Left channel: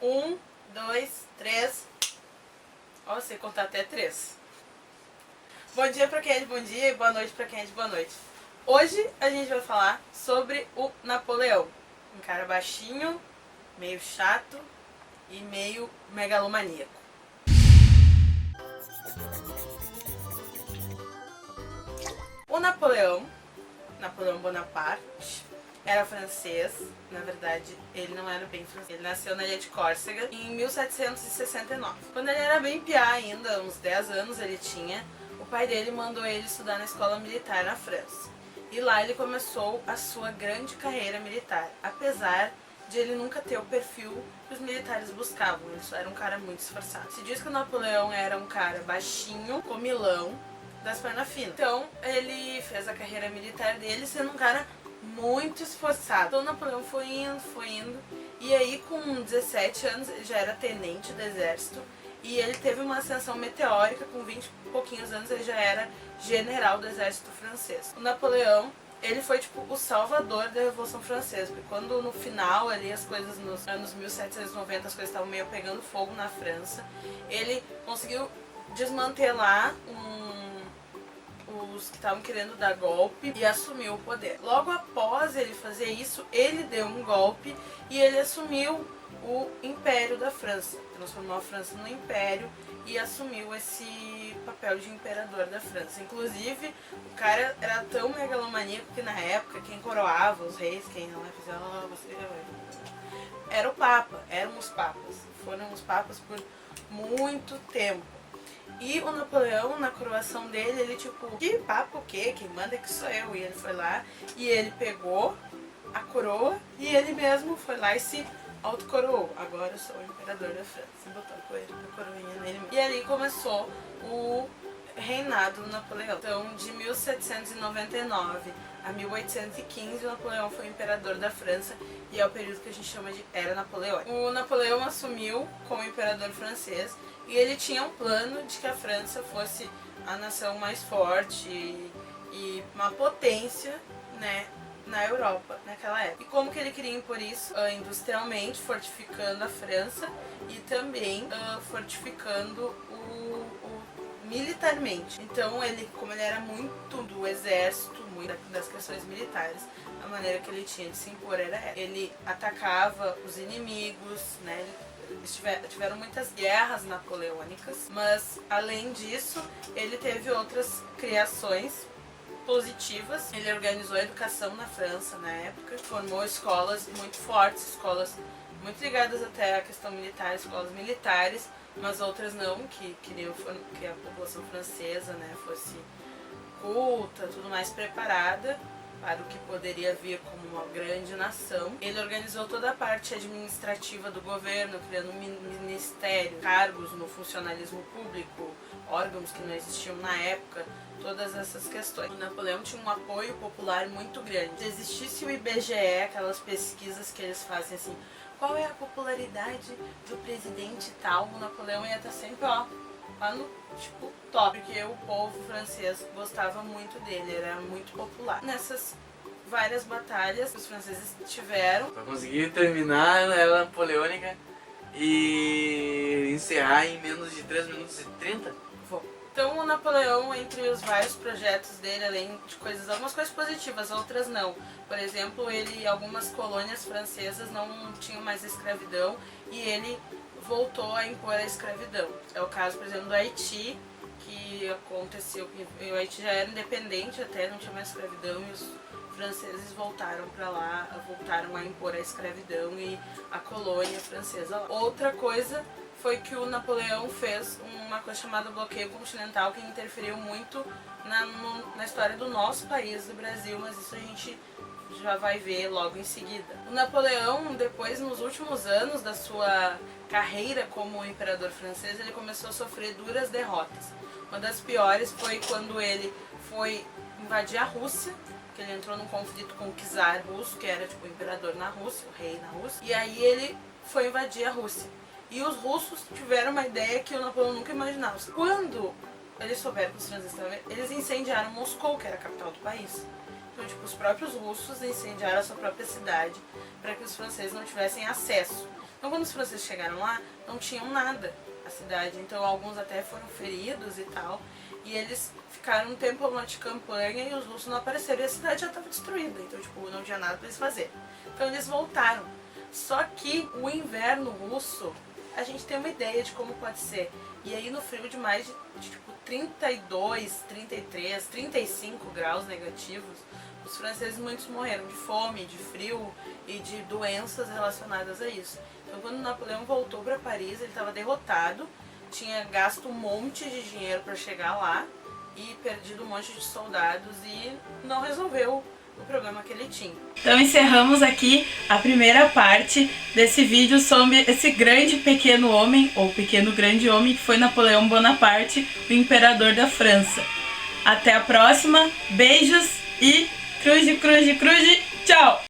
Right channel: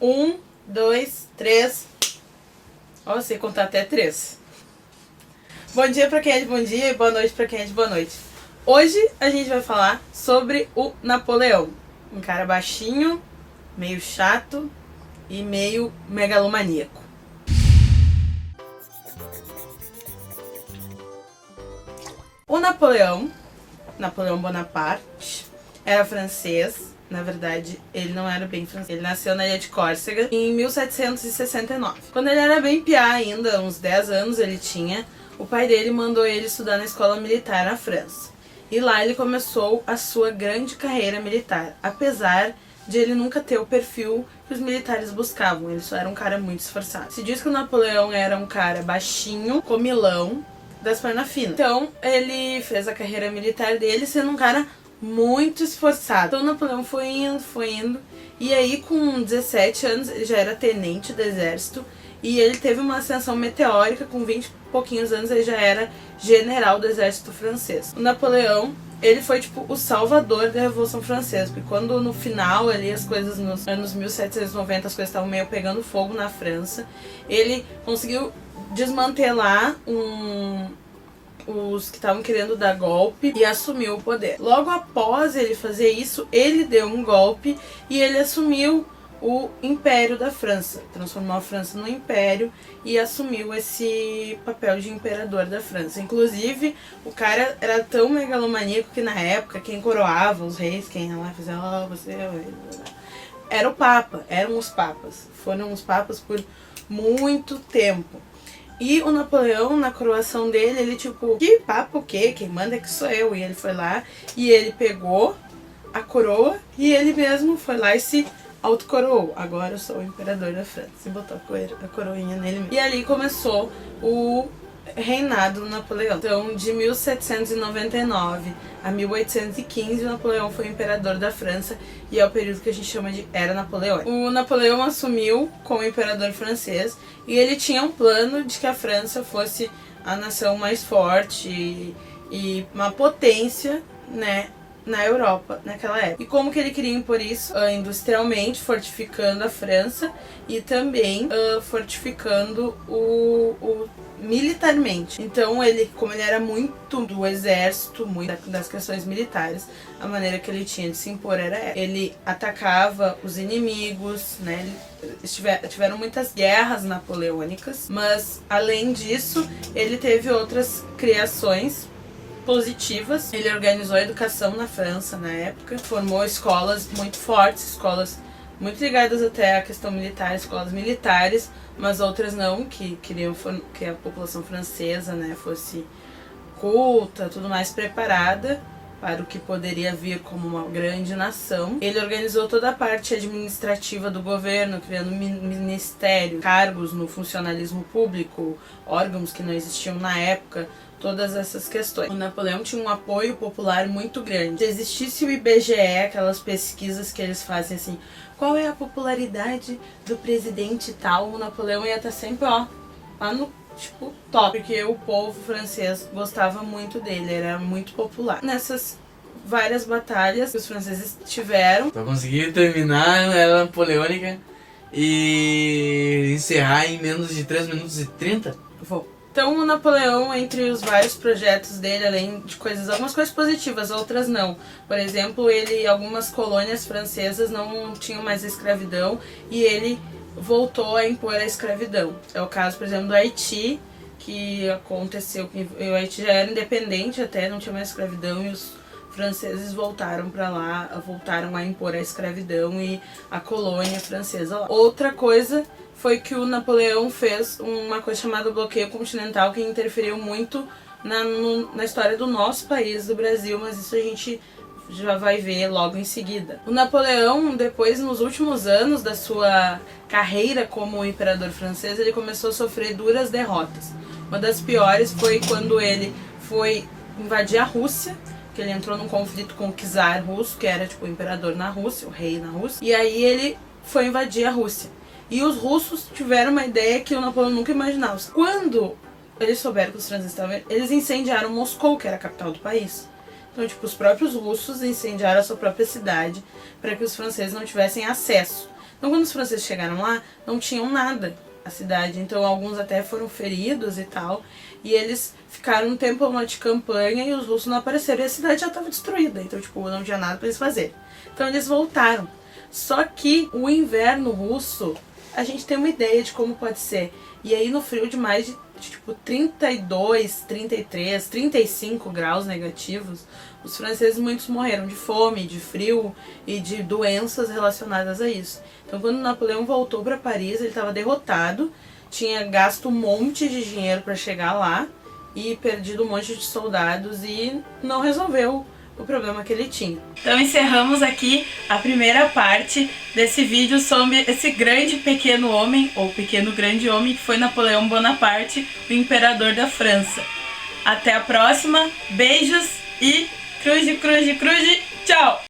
1, 2, 3. Ó, eu sei contar até 3. Bom dia pra quem é de bom dia e boa noite pra quem é de boa noite. Hoje a gente vai falar sobre o Napoleão. Um cara baixinho, meio chato e meio megalomaníaco. O Napoleão Bonaparte, era francês. Na verdade, ele não era bem francês. Ele nasceu na ilha de Córcega em 1769. Quando ele era bem piá ainda, uns 10 anos ele tinha, o pai dele mandou ele estudar na escola militar na França. E lá ele começou a sua grande carreira militar, apesar de ele nunca ter o perfil que os militares buscavam. Ele só era um cara muito esforçado. Se diz que o Napoleão era um cara baixinho, comilão, das pernas finas. Então, ele fez a carreira militar dele sendo um cara muito esforçado. Então, o Napoleão foi indo. E aí, com 17 anos, ele já era tenente do exército. E ele teve uma ascensão meteórica. Com 20 e pouquinhos anos, ele já era general do exército francês. O Napoleão, ele foi tipo o salvador da Revolução Francesa. Porque quando no final ali, as coisas nos anos 1790, as coisas estavam meio pegando fogo na França, ele conseguiu desmantelar os que estavam querendo dar golpe e assumiu o poder. Logo após ele fazer isso, ele deu um golpe e ele assumiu o Império da França. Transformou a França no Império e assumiu esse papel de imperador da França. Inclusive, o cara era tão megalomaníaco que na época quem coroava os reis, quem ia lá fazia, você era o Papa, eram os papas. Foram os papas por muito tempo. E o Napoleão, na coroação dele, ele tipo, que papo o quê? Quem manda é que sou eu. E ele foi lá e ele pegou a coroa e ele mesmo foi lá e se autocoroou. Agora eu sou o imperador da França. E botou a coroinha nele mesmo. E ali começou o reinado do Napoleão. Então, de 1799 a 1815, o Napoleão foi imperador da França e é o período que a gente chama de Era Napoleônica. O Napoleão assumiu como imperador francês e ele tinha um plano de que a França fosse a nação mais forte e uma potência, né, na Europa naquela época. E como que ele queria impor isso? Industrialmente, fortificando a França e também fortificando o militarmente. Então ele, como ele era muito do exército, muito das questões militares, a maneira que ele tinha de se impor era essa. Ele atacava os inimigos, né? Tiveram muitas guerras napoleônicas, mas além disso, ele teve outras criações positivas. Ele organizou a educação na França na época, formou escolas muito fortes, escolas muito ligadas até à questão militar, escolas militares, mas outras não, que queriam que a população francesa, né, fosse culta, tudo mais preparada para o que poderia vir como uma grande nação. Ele organizou toda a parte administrativa do governo, criando ministérios, cargos no funcionalismo público, órgãos que não existiam na época, todas essas questões. O Napoleão tinha um apoio popular muito grande. Se existisse o IBGE, aquelas pesquisas que eles fazem assim, qual é a popularidade do presidente tal, o Napoleão ia estar sempre, ó, lá no tipo top, porque o povo francês gostava muito dele, era muito popular. Nessas várias batalhas que os franceses tiveram, Pra conseguir terminar a Era Napoleônica e encerrar em menos de 3 minutos e 30? Então o Napoleão, entre os vários projetos dele, além de algumas coisas positivas, outras não. Por exemplo, algumas colônias francesas não tinham mais a escravidão e ele voltou a impor a escravidão. É o caso, por exemplo, do Haiti, que aconteceu, o Haiti já era independente até, não tinha mais escravidão e os franceses voltaram para lá, voltaram a impor a escravidão e a colônia francesa lá. Outra coisa foi que o Napoleão fez uma coisa chamada bloqueio continental, que interferiu muito na história do nosso país, do Brasil, mas isso a gente já vai ver logo em seguida. O Napoleão, depois, nos últimos anos da sua carreira como imperador francês, ele começou a sofrer duras derrotas. Uma das piores foi quando ele foi invadir a Rússia, que ele entrou num conflito com o czar russo, que era tipo o imperador na Rússia, o rei na Rússia, e aí ele foi invadir a Rússia. E os russos tiveram uma ideia que o Napoleão nunca imaginava. Quando eles souberam que os franceses estavam, eles incendiaram Moscou, que era a capital do país. Então, tipo, os próprios russos incendiaram a sua própria cidade para que os franceses não tivessem acesso. Então quando os franceses chegaram lá, não tinham nada a cidade, então alguns até foram feridos e tal, e eles ficaram um tempo lá de campanha e os russos não apareceram e a cidade já estava destruída, então tipo, não tinha nada para eles fazerem. Então eles voltaram. Só que o inverno russo, a gente tem uma ideia de como pode ser. E aí no frio de mais de tipo 32, 33, 35 graus negativos, os franceses muitos morreram de fome, de frio e de doenças relacionadas a isso. Então quando Napoleão voltou para Paris, ele estava derrotado, tinha gasto um monte de dinheiro para chegar lá e perdido um monte de soldados e não resolveu o problema que ele tinha. Então encerramos aqui a primeira parte desse vídeo sobre esse grande pequeno homem, ou pequeno grande homem, que foi Napoleão Bonaparte, o imperador da França. Até a próxima, beijos e cruze, cruze, cruze, tchau!